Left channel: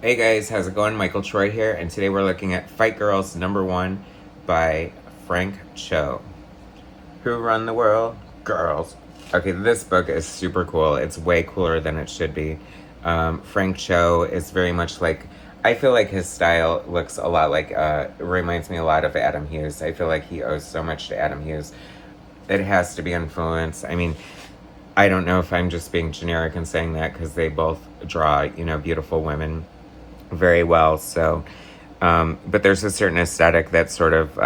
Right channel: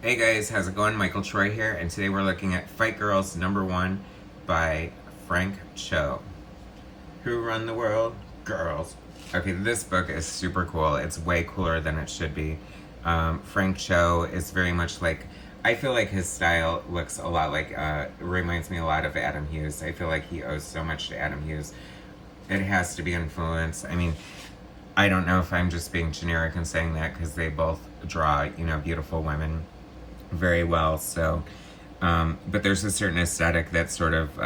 Hey guys, how's it going? Michael Troy here, and today we're looking at Fight Girls #1 by Frank Cho. Who run the world? Girls. Okay, this book is super cool. It's way cooler than it should be. Frank Cho is very much like, I feel like his style looks a lot like, reminds me a lot of Adam Hughes. I feel like he owes so much to Adam Hughes. It has to be influence. I mean, I don't know if I'm just being generic and saying that because they both draw, beautiful women very well. So, but there's a certain aesthetic that sort of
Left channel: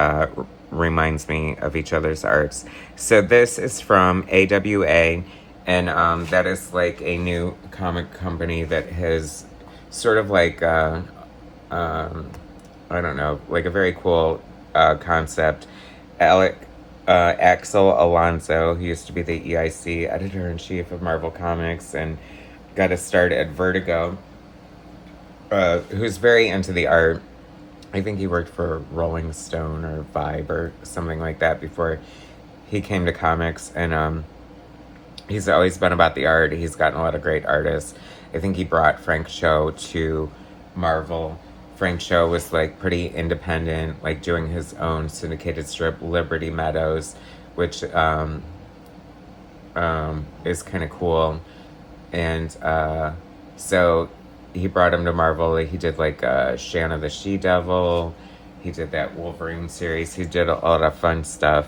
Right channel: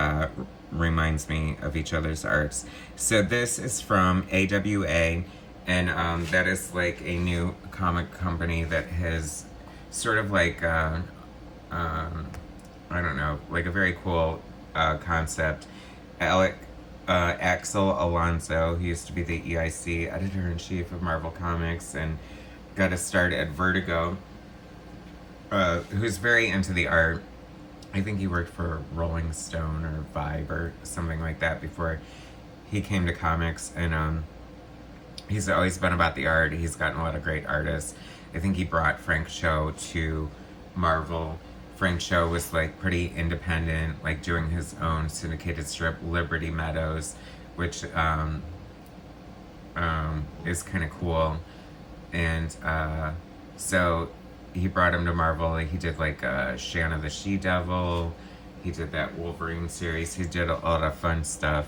reminds me of each other's arts. So this is from AWA, and that is like a new comic company that has sort of like, I don't know, like a very cool concept. Alec Axel Alonso, who used to be the EIC editor-in-chief of Marvel Comics and got a start at Vertigo, who's very into the art. I think he worked for Rolling Stone or Vibe or something like that before he came to comics, and he's always been about the art. He's gotten a lot of great artists. I think he brought Frank Cho to Marvel. Frank Cho was like pretty independent, like doing his own syndicated strip, Liberty Meadows, which is kind of cool. And so he brought him to Marvel. He did like Shanna the She-Devil. He did that Wolverine series. He did a lot of fun stuff.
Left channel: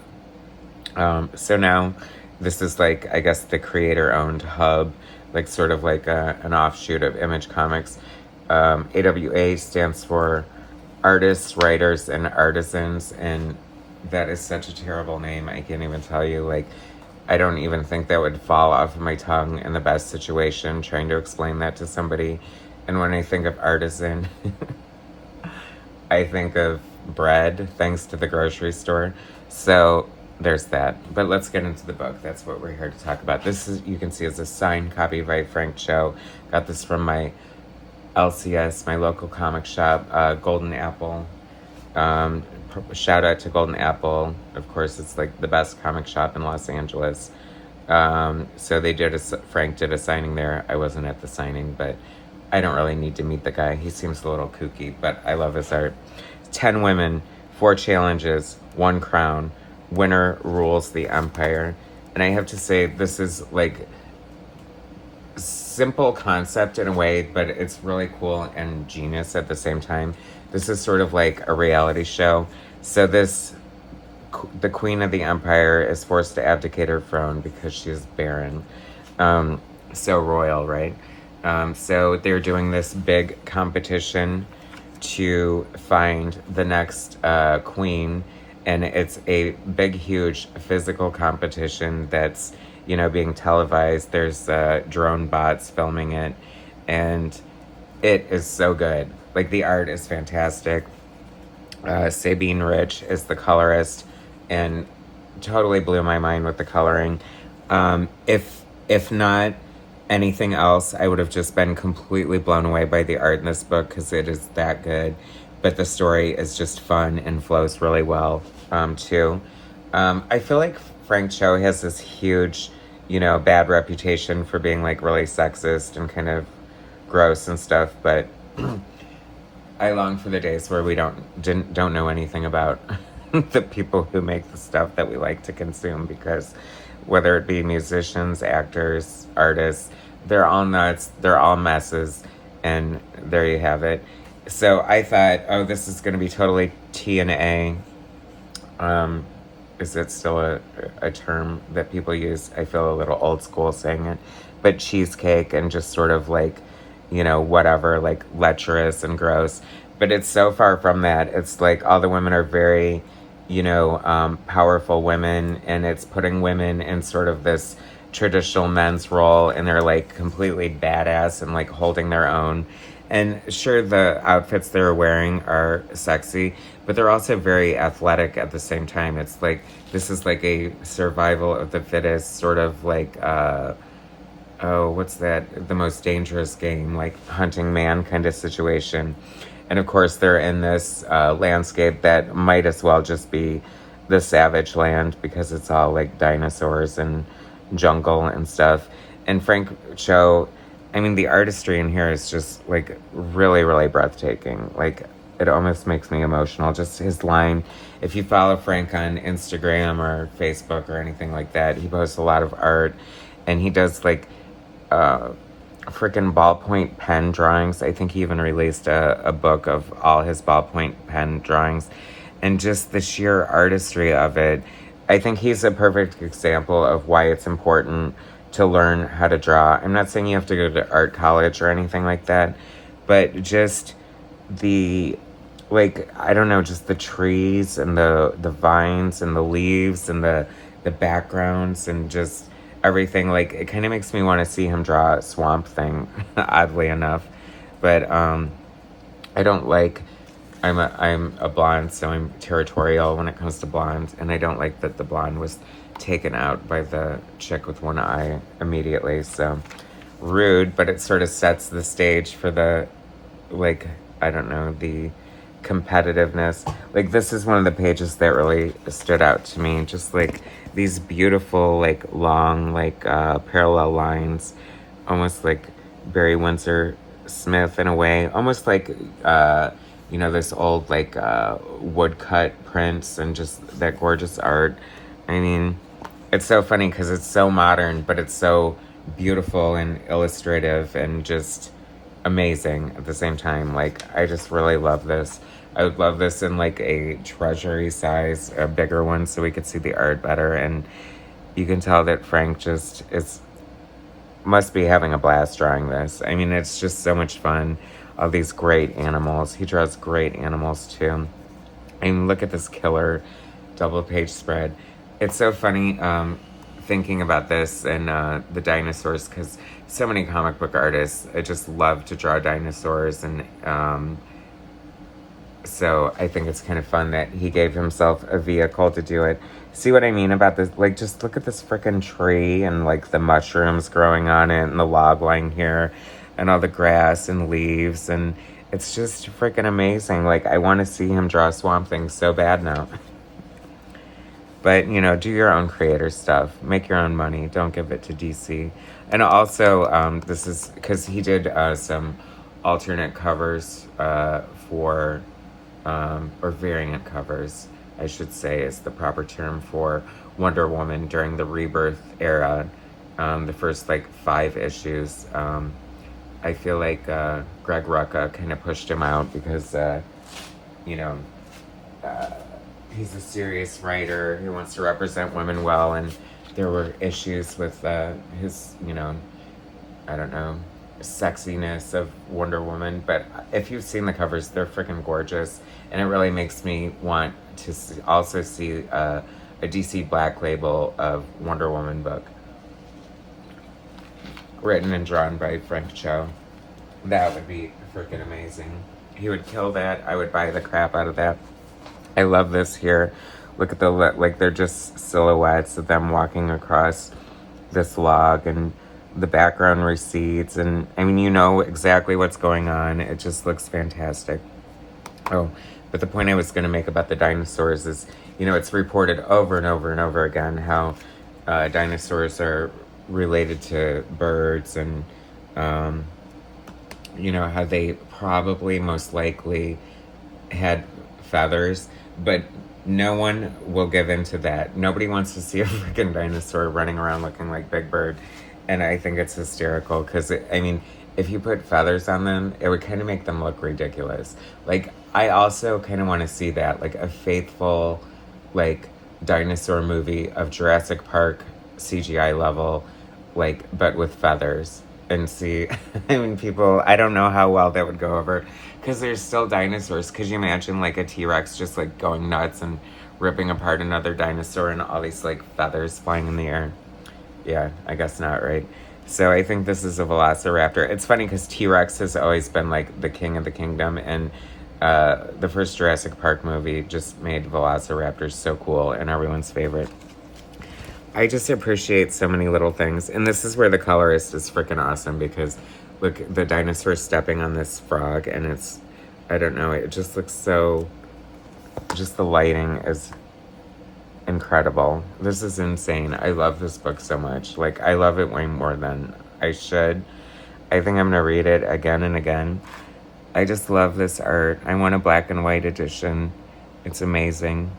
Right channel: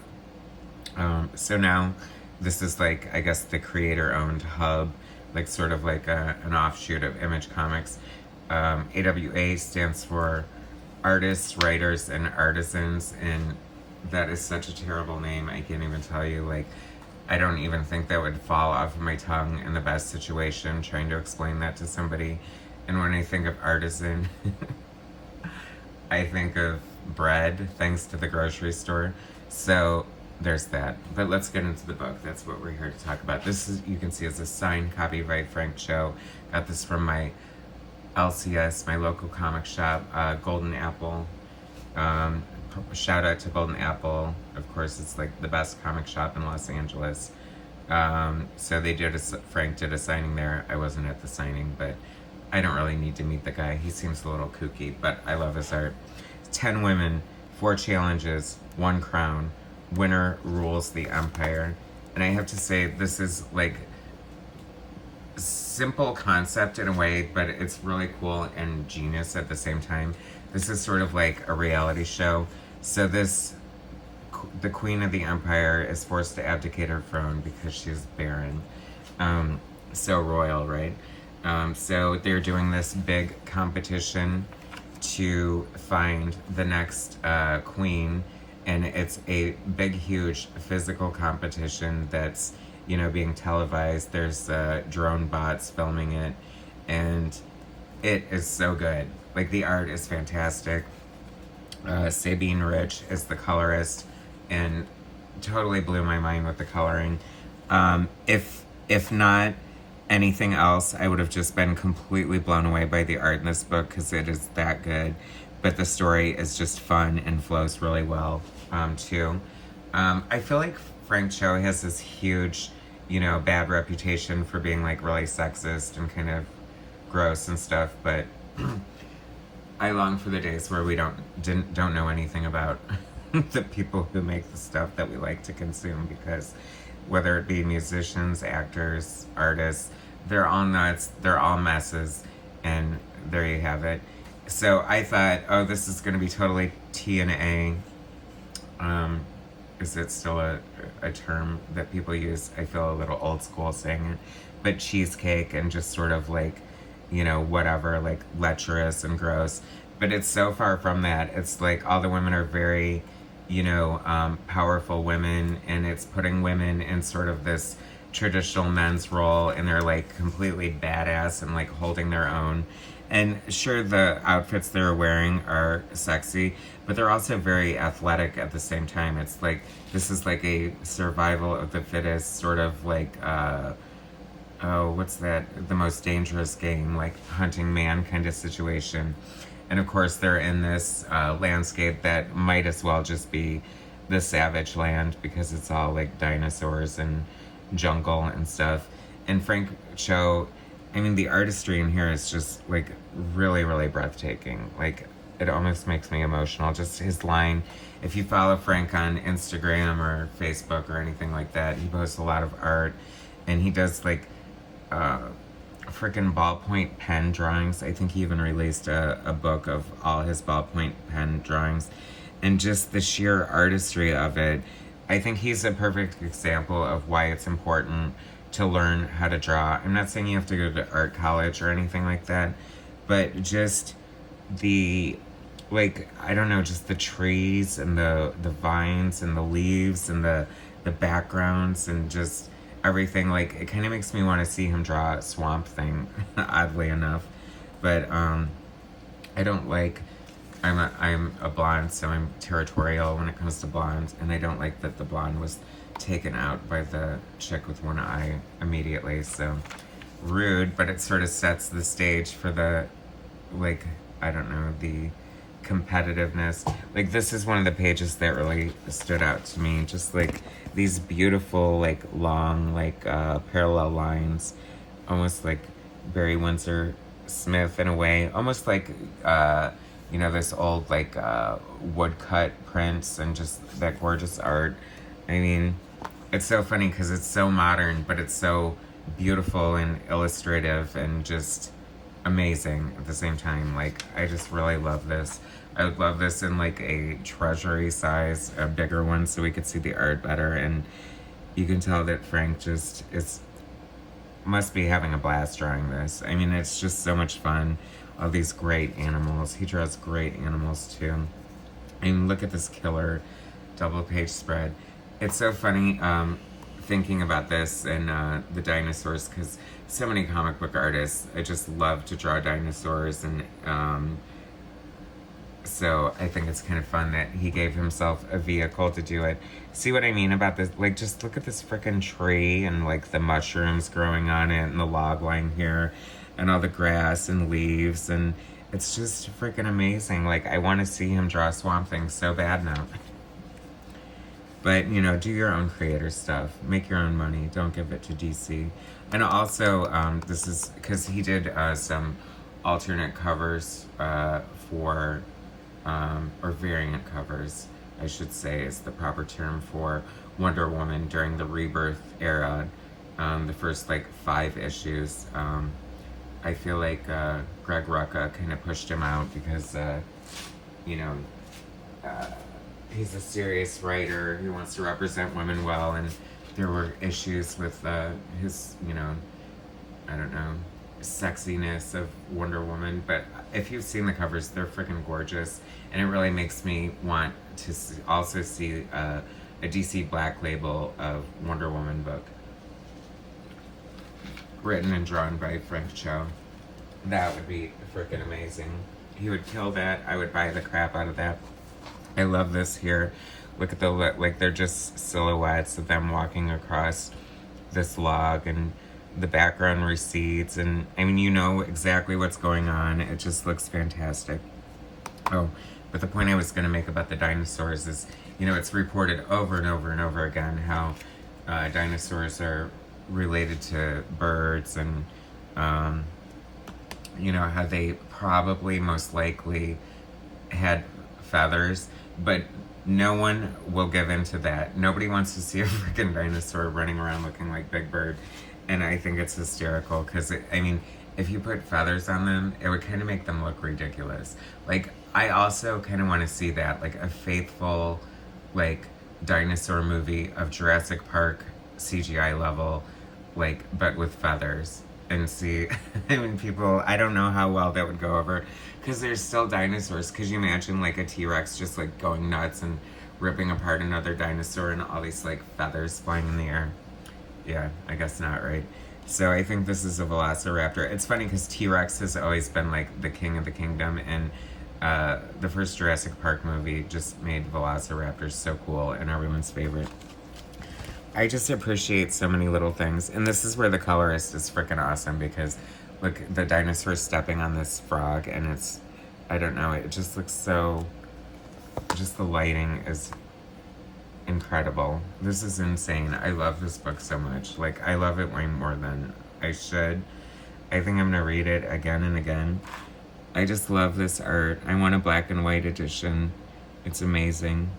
So now this is like, I guess, the creator-owned hub, like sort of like an offshoot of Image Comics. AWA stands for Artists, Writers, and Artisans, and that is such a terrible name. I can't even tell you. Like, I don't even think that would fall off of my tongue in the best situation, trying to explain that to somebody. And when I think of artisan, I think of bread, thanks to the grocery store. So there's that. But let's get into the book. That's what we're here to talk about. This is, you can see, is a signed copy by Frank Cho. Got this from my LCS, my local comic shop, Golden Apple. Shout out to Golden Apple. Of course, it's like the best comic shop in Los Angeles. So they did Frank did a signing there. I wasn't at the signing, but I don't really need to meet the guy. He seems a little kooky, but I love his art. 10 women, 4 challenges, 1 crown. Winner rules the empire. And I have to say, this is like simple concept in a way, but it's really cool and genius at the same time. This is sort of like a reality show. So the queen of the empire is forced to abdicate her throne because she's barren. So royal, right? So they're doing this big competition to find the next queen, and it's a big, huge physical competition that's, being televised. There's drone bots filming it, and it is so good. Like, the art is fantastic. Sabine Rich is the colorist, and totally blew my mind with the coloring. If not anything else, I would have just been completely blown away by the art in this book because it is that good. But the story is just fun and flows really well, too. I feel like Frank Cho has this huge, bad reputation for being like really sexist and kind of gross and stuff, but I long for the days where we don't know anything about the people who make the stuff that we like to consume, because whether it be musicians, actors, artists, they're all nuts, they're all messes, and there you have it. So I thought, oh, this is going to be totally T&A. Is it still a term that people use? I feel a little old school saying it. But cheesecake and just sort of like, whatever, like lecherous and gross. But it's so far from that. It's like all the women are very, powerful women, and it's putting women in sort of this traditional men's role, and they're like completely badass and like holding their own. And sure, the outfits they're wearing are sexy, but they're also very athletic at the same time. It's like, this is like a survival of the fittest, sort of like, what's that? The Most Dangerous Game, like Hunting Man kind of situation. And of course, they're in this landscape that might as well just be the Savage Land, because it's all like dinosaurs and jungle and stuff. And Frank Cho I mean, the artistry in here is just, like, really, really breathtaking. Like, it almost makes me emotional. Just his line. If you follow Frank on Instagram or Facebook or anything like that, he posts a lot of art. And he does, like, freaking ballpoint pen drawings. I think he even released a book of all his ballpoint pen drawings. And just the sheer artistry of it. I think he's a perfect example of why it's important to learn how to draw. I'm not saying you have to go to art college or anything like that, but just the, like, I don't know, just the trees and the vines and the leaves and the backgrounds and just everything. Like, it kind of makes me want to see him draw a Swamp Thing, oddly enough. But I don't like, I'm a blonde, so I'm territorial when it comes to blondes, and I don't like that the blonde was taken out by the chick with one eye immediately. So rude, but it sort of sets the stage for the, like, I don't know, the competitiveness. Like, this is one of the pages that really stood out to me. Just like these beautiful, like, long, like, parallel lines, almost like Barry Windsor Smith in a way, almost like you know, this old, like, woodcut prints and just that gorgeous art. I mean, it's so funny because it's so modern, but it's so beautiful and illustrative and just amazing at the same time. Like, I just really love this. I would love this in, like, a treasury size, a bigger one, so we could see the art better. And you can tell that Frank just must be having a blast drawing this. I mean, it's just so much fun. All these great animals. He draws great animals too. I mean, look at this killer double page spread. It's so funny thinking about this and the dinosaurs, because so many comic book artists just love to draw dinosaurs, and so I think it's kind of fun that he gave himself a vehicle to do it. See what I mean about this? Like, just look at this freaking tree and, like, the mushrooms growing on it and the log line here and all the grass and leaves, and it's just freaking amazing. Like, I want to see him draw Swamp Thing so bad now. But, you know, do your own creator stuff. Make your own money. Don't give it to DC. And also, this is because he did some alternate covers for, or variant covers, I should say, is the proper term, for Wonder Woman during the Rebirth era. The first, like, 5 issues. I feel like Greg Rucka kind of pushed him out because, you know, he's a serious writer who wants to represent women well, and there were issues with his, you know, I don't know, sexiness of Wonder Woman. But if you've seen the covers, they're freaking gorgeous, and it really makes me want to also see a DC Black Label of Wonder Woman book, written and drawn by Frank Cho. That would be freaking amazing. He would kill that. I would buy the crap out of that. I love this here. Look at the, like, they're just silhouettes of them walking across this log, and the background recedes, and I mean, you know exactly what's going on. It just looks fantastic. Oh, but the point I was going to make about the dinosaurs is, you know, it's reported over and over and over again how dinosaurs are related to birds, and you know, how they probably most likely had feathers, but no one will give in to that. Nobody wants to see a freaking dinosaur running around looking like Big Bird, and I think it's hysterical because, I mean, if you put feathers on them, it would kind of make them look ridiculous. Like, I also kind of want to see that, like, a faithful, like, dinosaur movie of Jurassic Park CGI level, like, but with feathers. And see, I mean, people, I don't know how well that would go over, because there's still dinosaurs. Could you imagine, like, a T-Rex just, like, going nuts and ripping apart another dinosaur and all these, like, feathers flying in the air? Yeah, I guess not, right? So I think this is a velociraptor. It's funny because T-Rex has always been, like, the king of the kingdom, and the first Jurassic Park movie just made velociraptors so cool and everyone's favorite. I just appreciate so many little things. And this is where the colorist is freaking awesome, because look, the dinosaur stepping on this frog, and it's, I don't know, it just looks so, just the lighting is incredible. This is insane. I love this book so much. Like, I love it way more than I should. I think I'm gonna read it again and again. I just love this art. I want a black and white edition. It's amazing.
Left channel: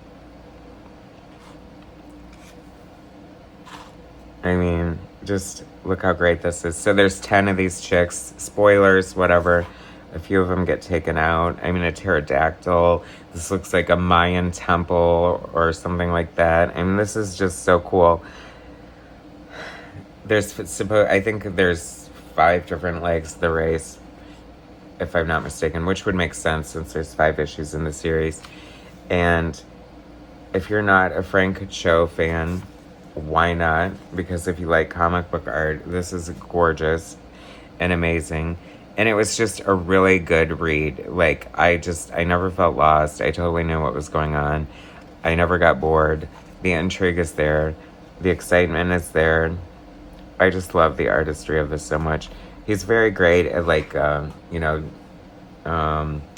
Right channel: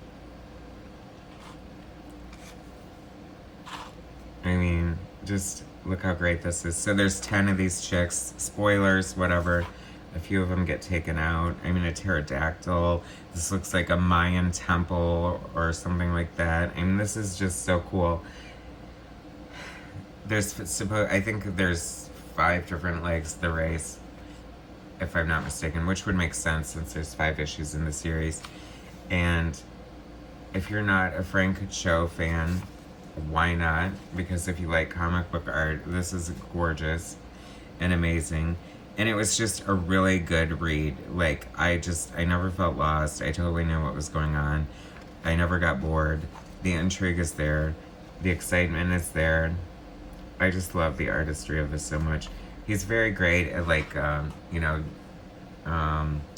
I mean, just look how great this is. So there's 10 of these chicks. Spoilers, whatever. A few of them get taken out. I mean, a pterodactyl. This looks like a Mayan temple or something like that. I mean, this is just so cool. I think there's 5 different legs to the race, if I'm not mistaken, which would make sense since there's 5 issues in the series. And if you're not a Frank Cho fan, why not? Because if you like comic book art, this is gorgeous and amazing. And it was just a really good read. Like, I never felt lost. I totally knew what was going on. I never got bored. The intrigue is there. The excitement is there. I just love the artistry of this so much. He's very great at, like,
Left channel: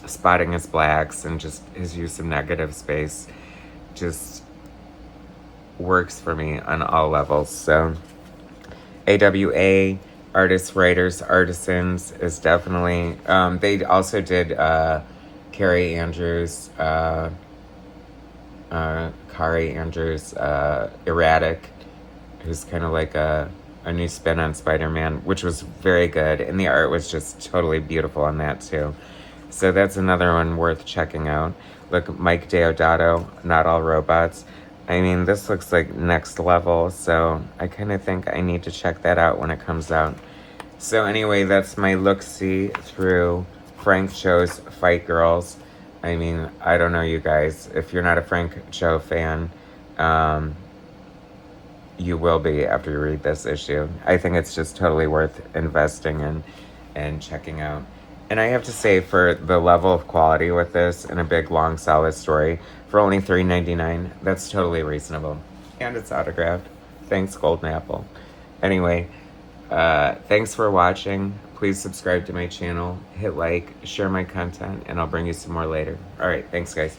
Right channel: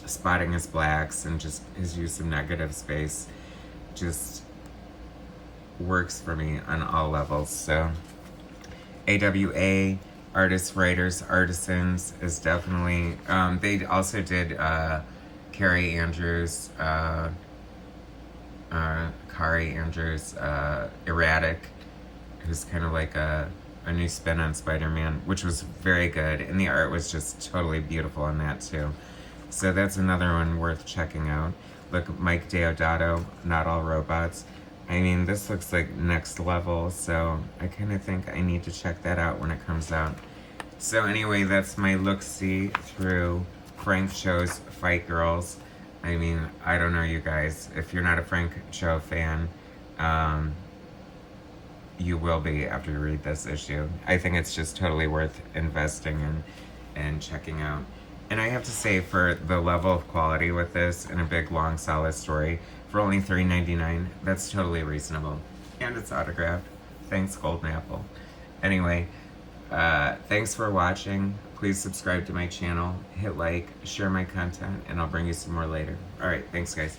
spotting his blacks, and just his use of negative space just works for me on all levels. So AWA, Artists, Writers, Artisans is definitely, they also did Kari Andrews, Erratic, who's kind of like a new spin on Spider-Man, which was very good, and the art was just totally beautiful on that too. So that's another one worth checking out. Look, Mike Deodato, Not All Robots. I mean, this looks like next level, so I kind of think I need to check that out when it comes out. So anyway, that's my look-see through Frank Cho's Fight Girls. I mean, I don't know, you guys. If you're not a Frank Cho fan, you will be after you read this issue. I think it's just totally worth investing in and checking out. And I have to say, for the level of quality with this and a big, long, solid story, for only $3.99, that's totally reasonable. And it's autographed. Thanks, Golden Apple. Anyway, thanks for watching. Please subscribe to my channel, hit like, share my content, and I'll bring you some more later. Alright, thanks guys.